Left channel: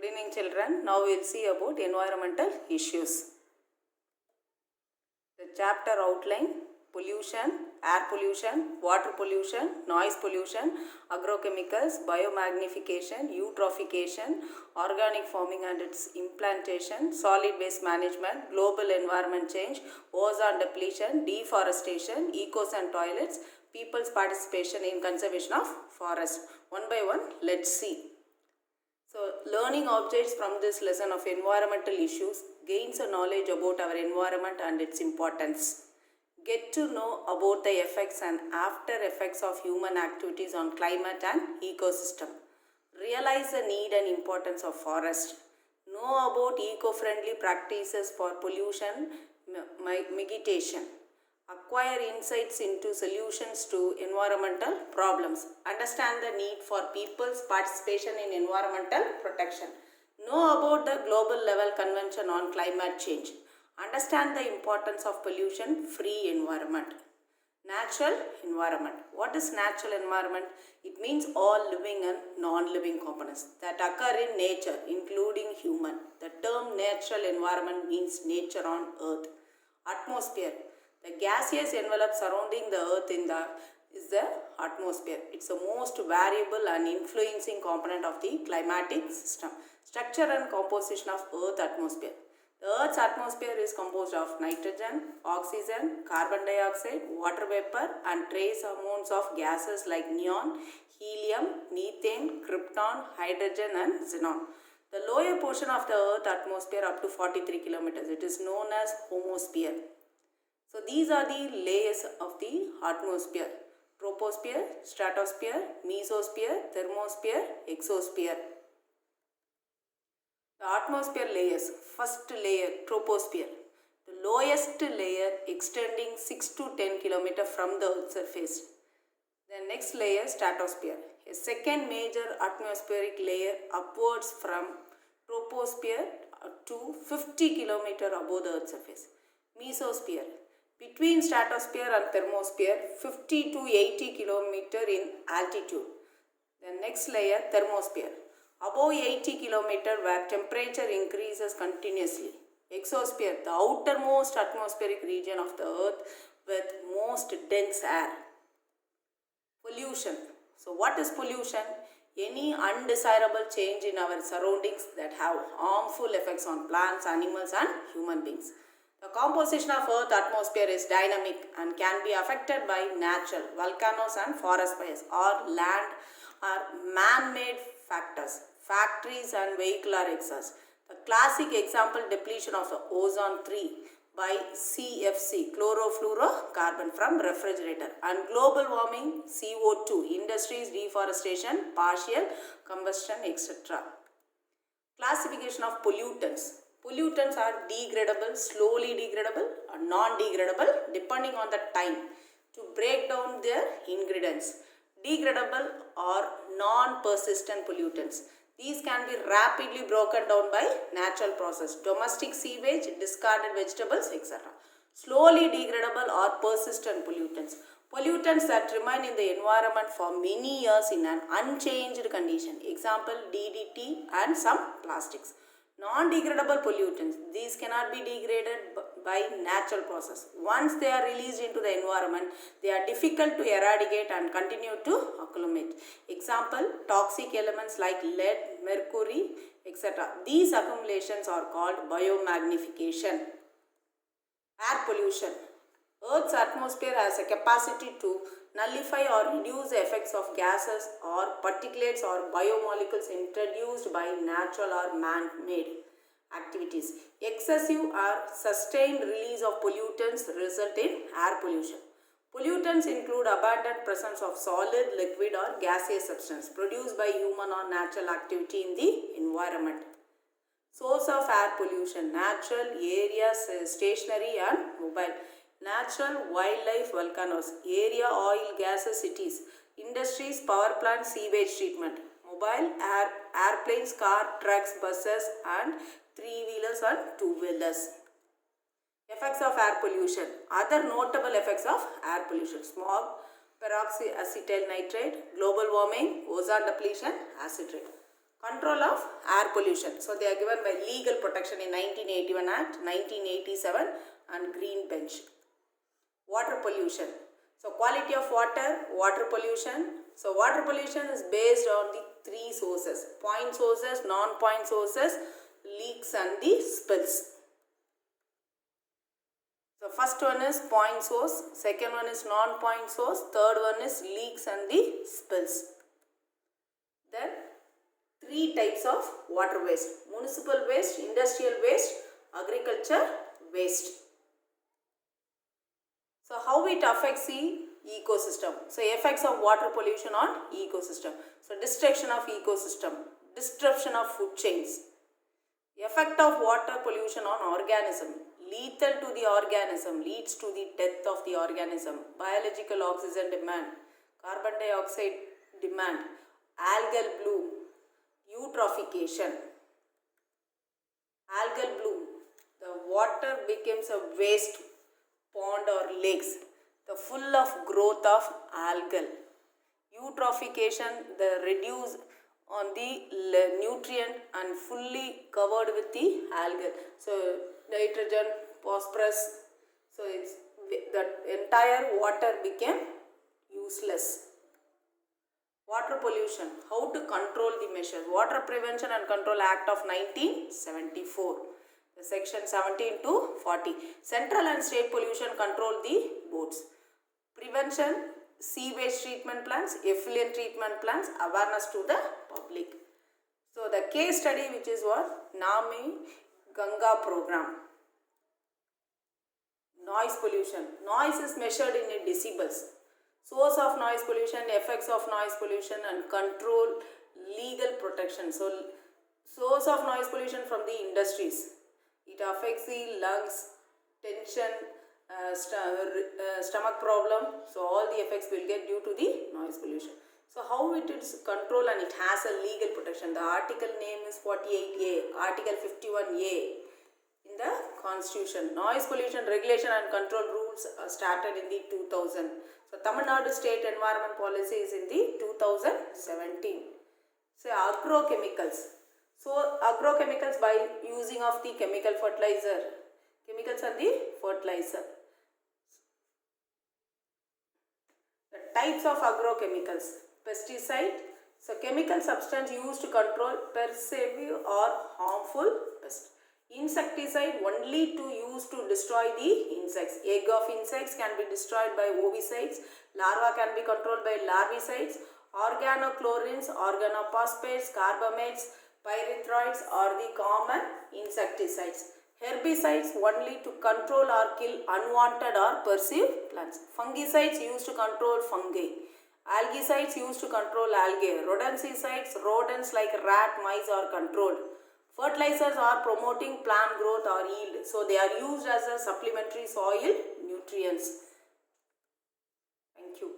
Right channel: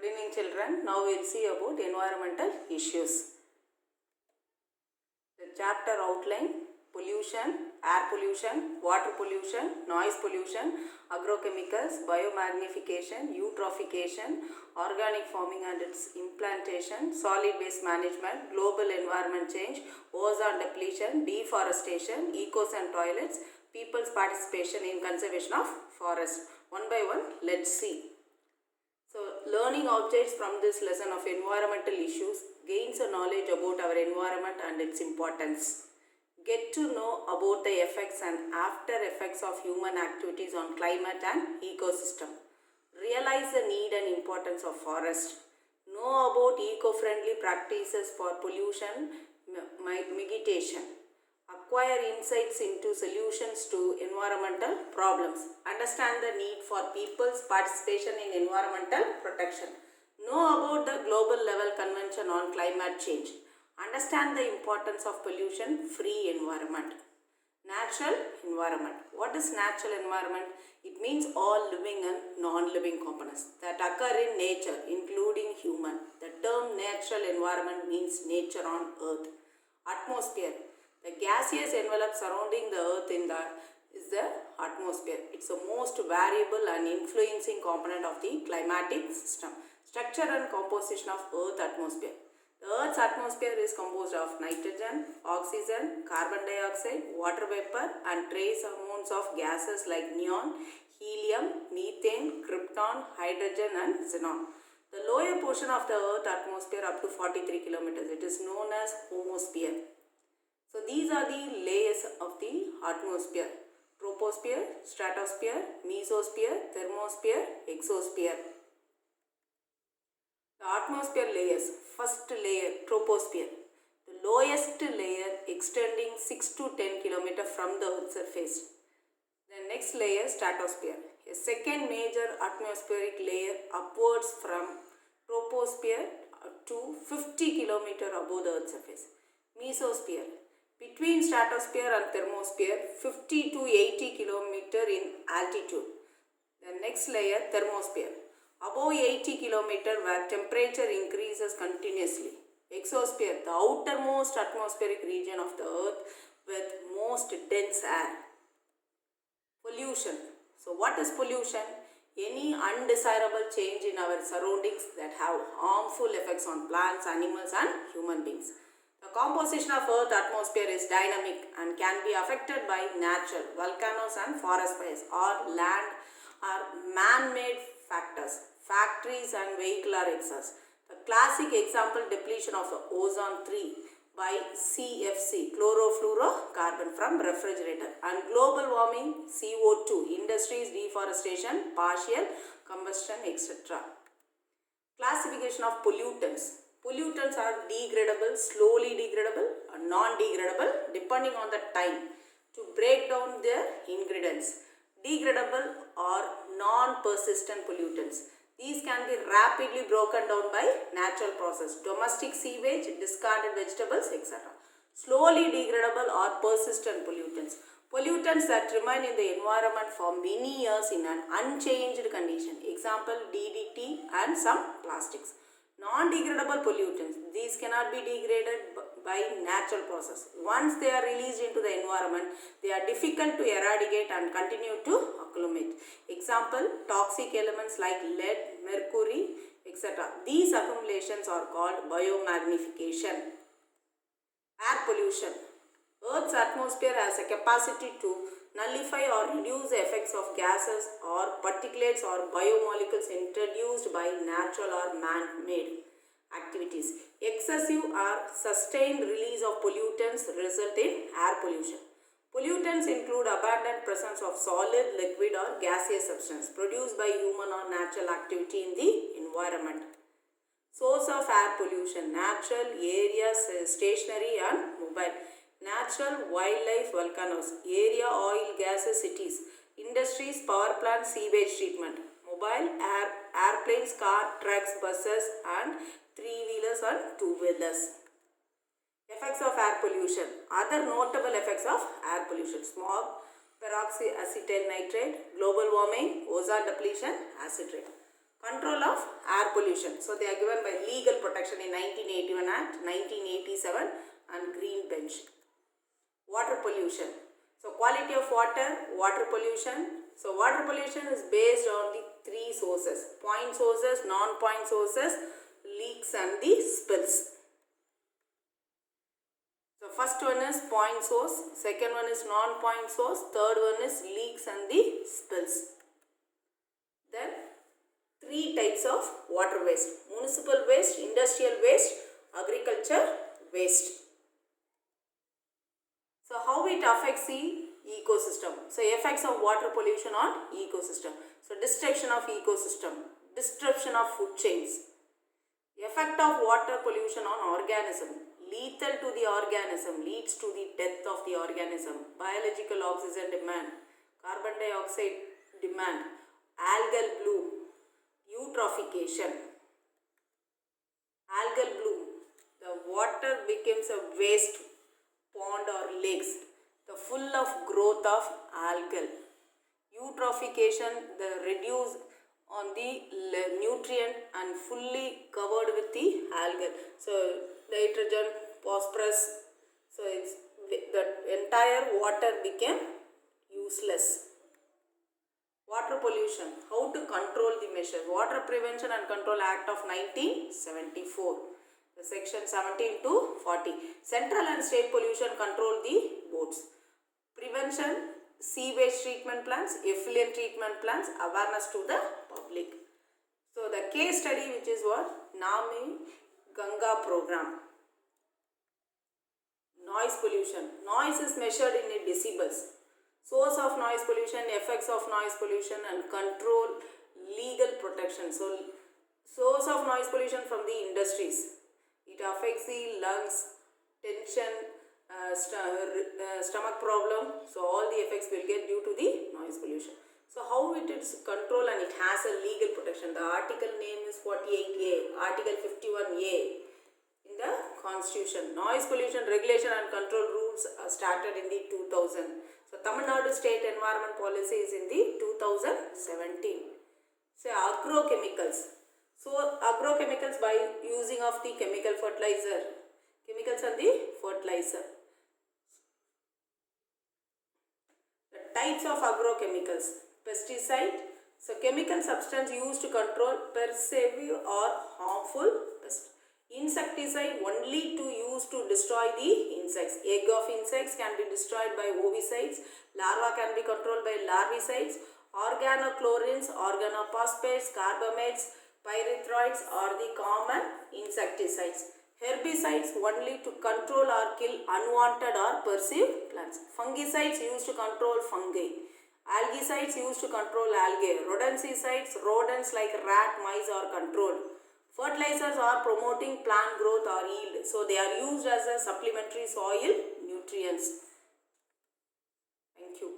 Good evening children. Now we will see about environmental issues. The chapter outline: pollution, air pollution, water pollution, noise pollution, agrochemicals, biomagnification, eutrophication, organic farming and its implantation, solid waste management, global environment change, ozone depletion, deforestation, ecos and toilets, people's participation in conservation of forest. One by one, let's see. So, learning objects from this lesson of environmental issues gains a knowledge about our environment and its importance. Get to know about the effects and after effects of human activities on climate and ecosystem. Realize the need and importance of forest. Know about eco-friendly practices for pollution mitigation. Acquire insights into solutions to environmental problems. Understand the need for people's participation in environmental protection. Know about the global level convention on climate change. Understand the importance of pollution-free environment. Natural environment. What is natural environment? It means all living and non-living components that occur in nature, including human. The term natural environment means nature on earth. Atmosphere. The gaseous envelope surrounding the earth is the atmosphere. It's the most variable and influencing component of the climatic system. Structure and composition of earth atmosphere. The earth's atmosphere is composed of nitrogen, oxygen, carbon dioxide, water vapor and trace amounts of gases like neon, helium, methane, krypton, hydrogen and xenon. The lower portion of the earth atmosphere up to 43 kilometers. It is known as homosphere. So these are the layers of the atmosphere: troposphere, stratosphere, mesosphere, thermosphere, exosphere. The atmosphere layers. First layer, troposphere. The lowest layer extending 6 to 10 km from the earth's surface. The next layer, stratosphere. A second major atmospheric layer upwards from troposphere to 50 km above the earth's surface. Mesosphere. Between stratosphere and thermosphere, 50 to 80 km in altitude. The next layer, thermosphere. Above 80 km where temperature increases continuously. Exosphere, the outermost atmospheric region of the earth with most dense air. Pollution. So what is pollution? Any undesirable change in our surroundings that have harmful effects on plants, animals and human beings. The composition of earth atmosphere is dynamic and can be affected by natural, volcanoes and forest fires or land or man-made factors, factories and vehicular exhaust. The classic example, depletion of the ozone 3 by CFC, chlorofluorocarbon from refrigerator, and global warming, CO2, industries, deforestation, partial combustion, etc. Classification of pollutants. Pollutants are degradable, slowly degradable or non-degradable depending on the time to break down their ingredients. Degradable or non-persistent pollutants. These can be rapidly broken down by natural process, domestic sewage, discarded vegetables, etc. Slowly degradable or persistent pollutants. Pollutants that remain in the environment for many years in an unchanged condition. Example, DDT and some plastics. Non-degradable pollutants. These cannot be degraded by natural process. Once they are released into the environment, they are difficult to eradicate and continue to accumulate. Example, toxic elements like lead, mercury, etc. These accumulations are called biomagnification. Air pollution. Earth's atmosphere has a capacity to nullify or reduce the effects of gases or particulates or biomolecules introduced by natural or man-made activities. Excessive or sustained release of pollutants result in air pollution. Pollutants include abundant presence of solid, liquid or gaseous substance produced by human or natural activity in the environment. Source of air pollution: natural, areas, stationary and mobile. Natural, wildlife, volcanoes. Area, oil, gases, cities. Industries, power plants, sewage treatment. Mobile, airplanes, car, trucks, buses and three-wheelers and two-wheelers. Effects of air pollution. Other notable effects of air pollution: smog, peroxyacetyl nitrate, global warming, ozone depletion, acid rain. Control of air pollution. So they are given by legal protection in 1981 Act, 1987 and Green Bench. Water pollution. So quality of water, water pollution. So water pollution is based on the three sources: point sources, non-point sources, leaks and the spills. So first one is point source, second one is non-point source, third one is leaks and the spills. Then three types of water waste: municipal waste, industrial waste, agriculture waste. So how it affects the ecosystem? So effects of water pollution on ecosystem. So destruction of ecosystem, disruption of food chains. Effect of water pollution on organism: lethal to the organism, leads to the death of the organism. Biological oxygen demand, carbon dioxide demand, algal bloom, eutrophication. Algal bloom, the water becomes a waste pond or lakes, the full of growth of algal. Eutrophication, the reduce on the nutrient and fully covered with the algal. So nitrogen, phosphorus, so it's the entire water became useless. Water pollution, how to control the measure? Water Prevention and Control Act of 1974, the section 17 to 40. Central and state pollution control the boards. Prevention, sewage treatment plants, effluent treatment plants, awareness to the public. So the case study, which is what? Nami Ganga program. Noise pollution. Noise is measured in decibels. Source of noise pollution, effects of noise pollution and control, legal protection. So source of noise pollution from the industries. It affects the lungs, tension, stomach problem. So all the effects will get due to the noise pollution. So how it is controlled, and it has a legal protection. The article name is 48A, Article 51A in the Constitution. Noise pollution regulation and control rules started in the 2000. So Tamil Nadu State Environment Policy is in the 2017. So agrochemicals. So agrochemicals, by using of the chemical fertilizer. Chemicals and the fertilizer. The types of agrochemicals. Pesticide. So chemical substance used to control pervasive or harmful pests. Insecticide, only to use to destroy the insects. Egg of insects can be destroyed by ovicides. Larva can be controlled by larvicides. Organochlorines, organophosphates, carbamates, pyrethroids are the common insecticides. Herbicides, only to control or kill unwanted or perceived plants. Fungicides, used to control fungi. Algicides, used to control algae. Rodenticides, rodents like rat, mice are controlled. Fertilizers are promoting plant growth or yield. So they are used as a supplementary soil nutrients. Thank you.